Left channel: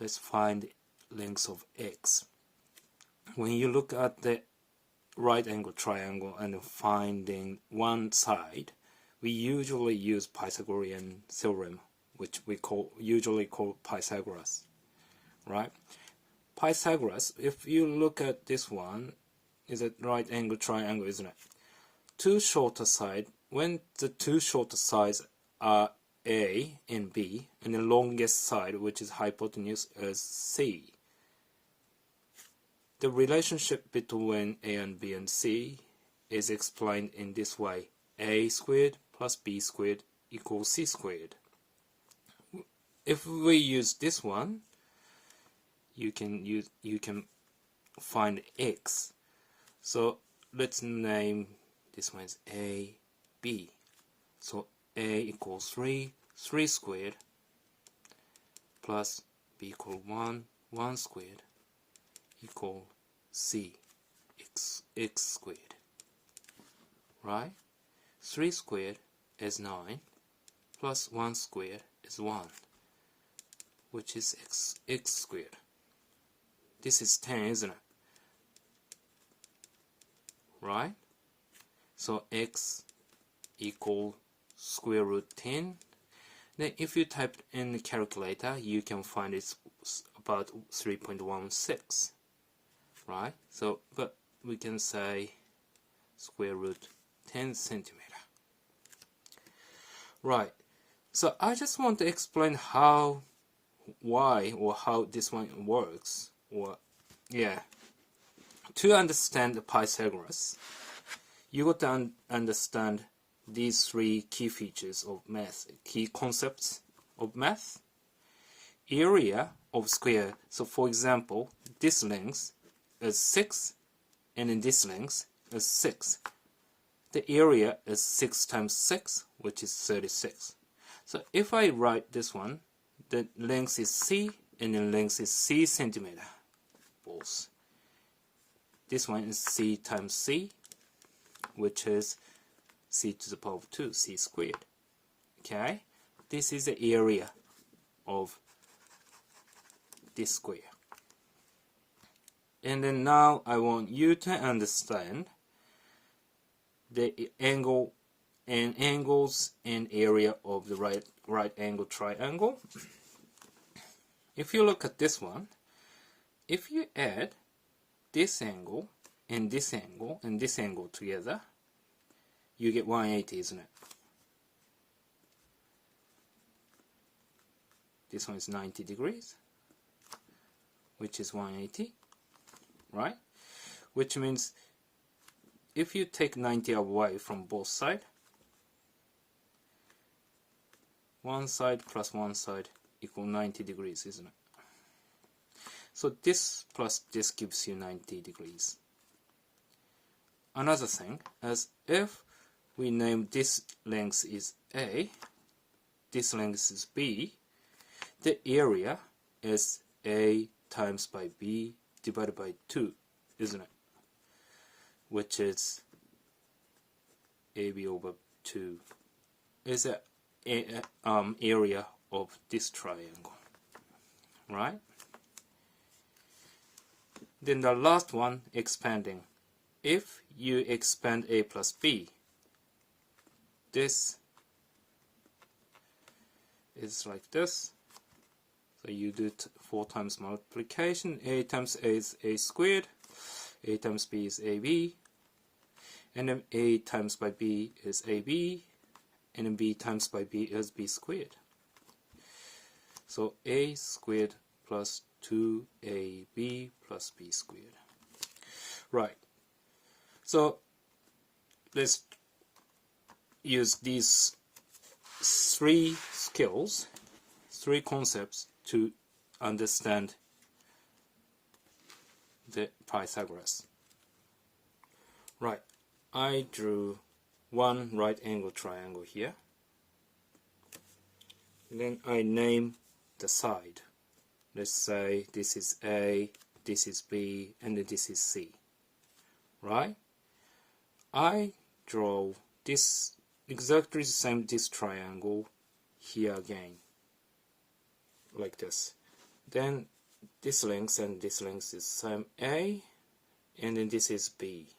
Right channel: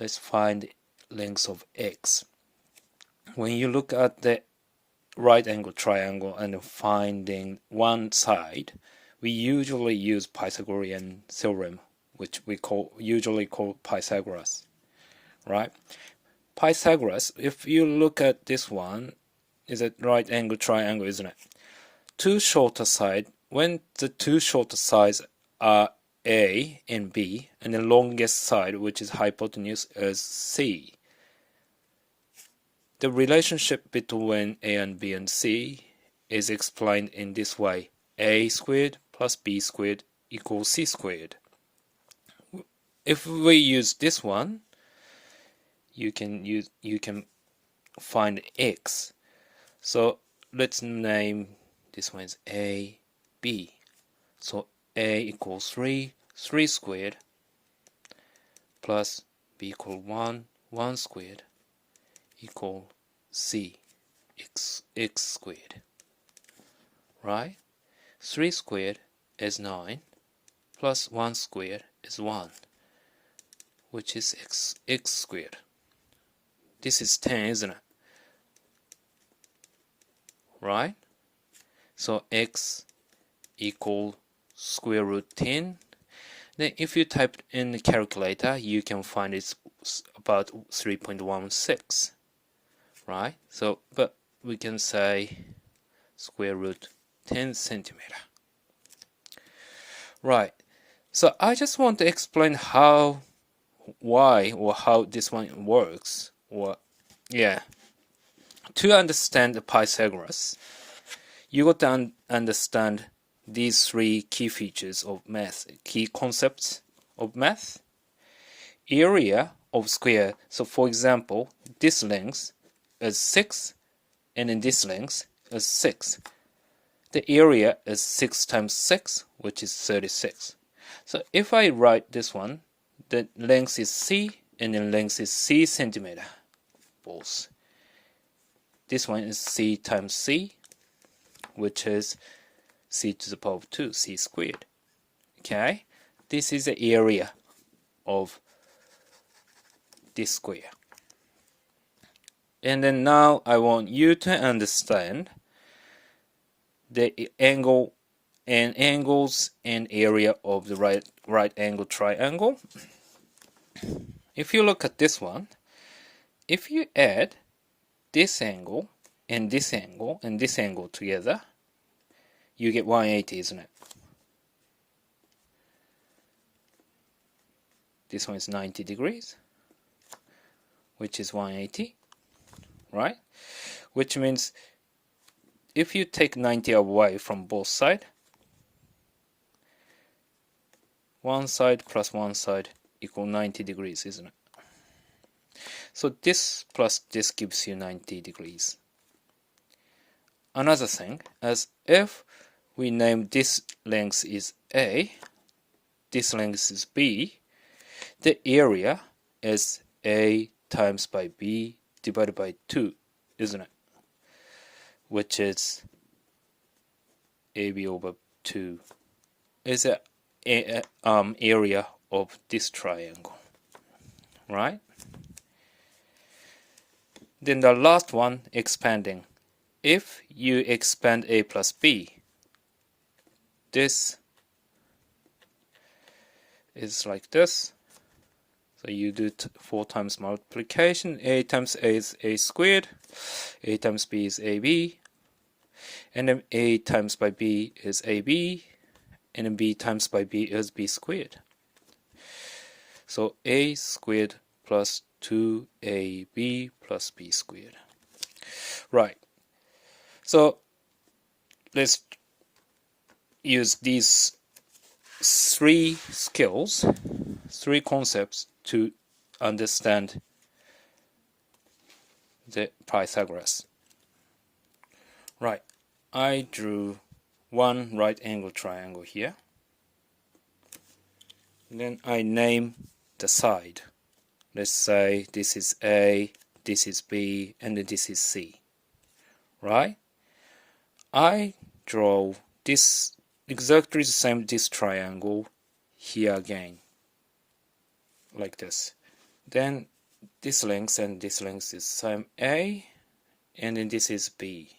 let's find length of x. When you look at the right angle triangle and finding one side, we usually use Pythagorean theorem, which we usually call Pythagoras, right? Pythagoras, if you look at this one, is a right angle triangle, isn't it? Two shorter sides, when the two shorter sides are A and B, and the longest side, which is hypotenuse, is C. The relationship between A and B and C is explained in this way. A squared plus B squared equals C squared. If we use this one, you can find x. So let's name this one is A, B. So A equals 3 squared plus B equal 1 squared equal C x squared, right? 3 squared is 9 plus 1 squared is 1, which is x squared. This is 10, isn't it? Right? So x equal square root 10. Then if you type in the calculator, you can find it's about 3.16. Right? So, but we can say square root 10 centimeter. Right. So I just want to explain why how this one works. To understand the Pythagoras, you got to understand these three key features of math, key concepts of math. Area of square. So for example, this length is 6, and in this length is 6. The area is 6 times 6, which is 36. So if I write this one, the length is C, and the length is C centimeter, both. This one is C times C, which is C to the power of 2, C squared. Okay? This is the area of this square. And then now I want you to understand the angle and angles and area of the right angle triangle. If you look at this one, if you add this angle and this angle and this angle together, you get 180, isn't it? This one is 90 degrees, which is 180, right? Which means if you take 90 away from both sides, one side plus one side equal 90 degrees, isn't it? So this plus this gives you 90 degrees. Another thing, as if we name this length is A, this length is B, the area is A times by B divided by 2, isn't it? Which is AB over 2 is the area of this triangle, right? Then the last one, expanding. If you expand A plus B, this is like this. So you do 4 times multiplication. A times A is A squared. A times B is AB. And then A times by B is AB. And then B times by B is B squared. So A squared plus 2AB plus B squared. Right. So let's use these three skills, three concepts to understand the Pythagoras. Right. I drew one right angle triangle here. And then I name the side. Let's say this is A, this is B, and then this is C. Right? I draw this exactly the same this triangle here again. Like this. Then this length and this length is same A, and then this is B.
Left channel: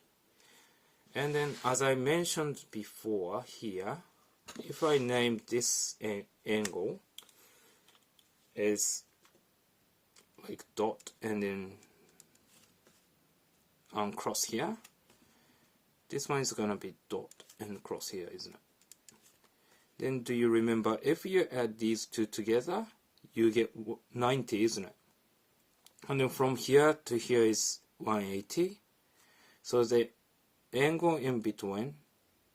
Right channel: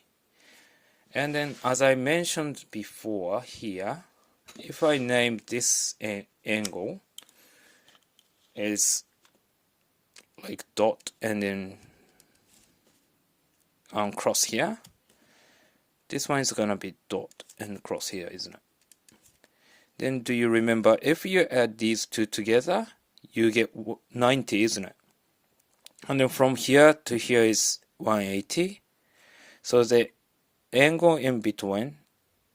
And then as I mentioned before here, if I name this angle is like dot and then cross here, this one is gonna be dot and cross here, isn't it? Then do you remember if you add these two together, you get 90, isn't it? And then from here to here is 180. So the angle in between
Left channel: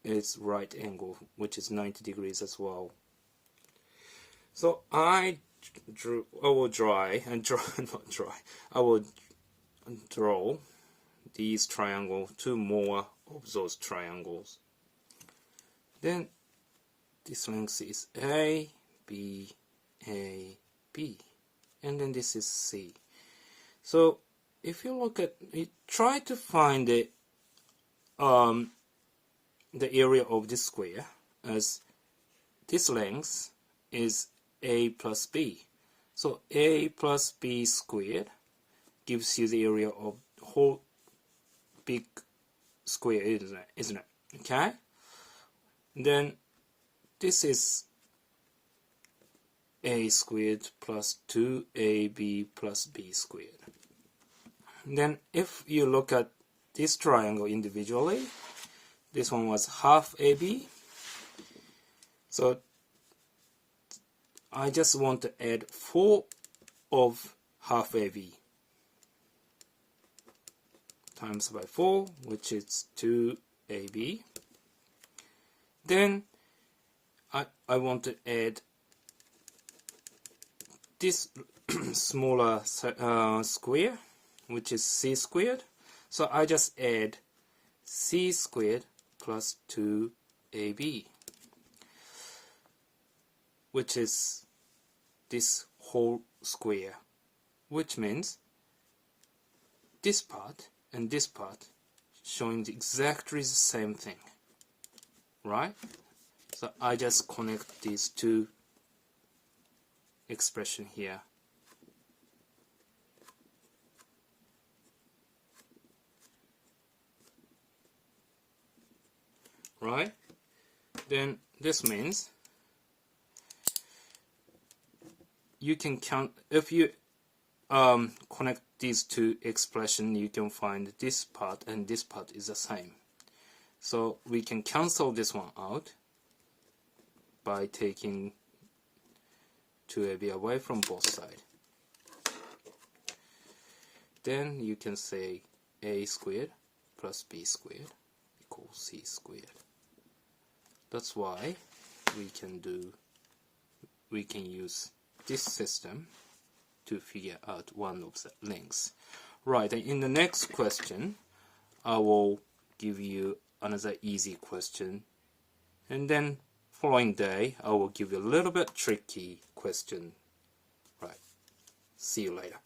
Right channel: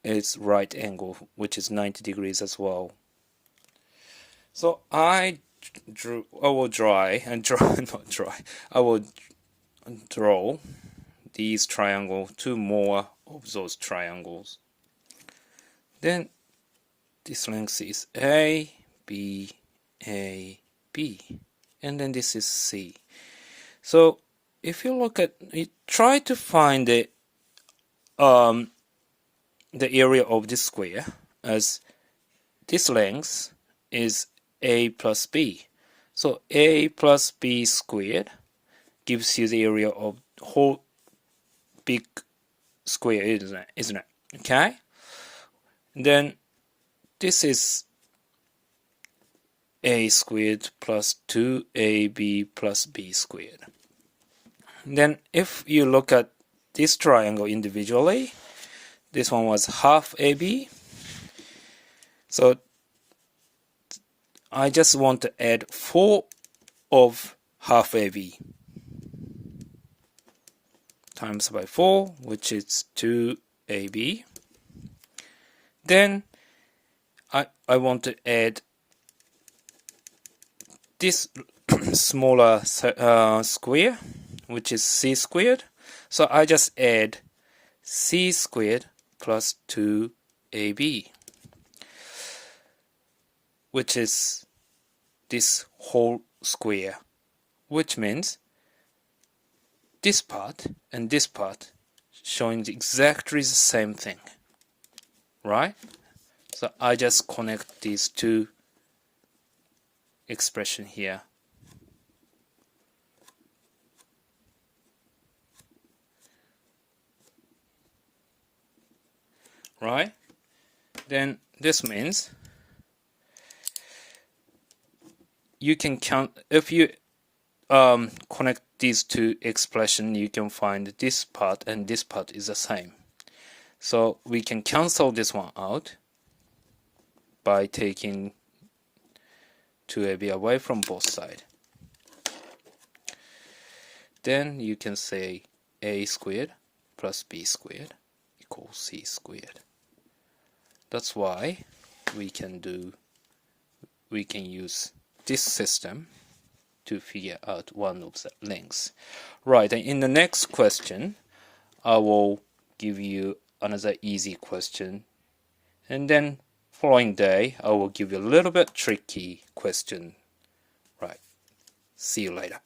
is right angle, which is 90 degrees as well. So I will draw these triangles, two more of those triangles. Then this length is A, B, A, B, and then this is C. So if you look at, you try to find the area of this square, as this length is A plus B. So A plus B squared gives you the area of whole big square, isn't it? Okay? Then this is A squared plus 2AB plus B squared. Then if you look at this triangle individually, this one was half AB. So I just want to add 4 of half AB times by 4, which is 2AB. Then I want to add this smaller square, which is C squared. So I just add C squared plus 2AB, which is this whole square, which means this part and this part showing exactly the same thing, right? So I just connect these two expressions here. Right? Then this means you can count, if you connect these two expressions, you can find this part and this part is the same. So we can cancel this one out by taking 2AB away from both sides. Then you can say A squared plus B squared equals C squared. That's why we can use this system to figure out one of the lengths. Right, and in the next question, I will give you another easy question, and then following day, I will give you a little bit tricky question. Right, see you later.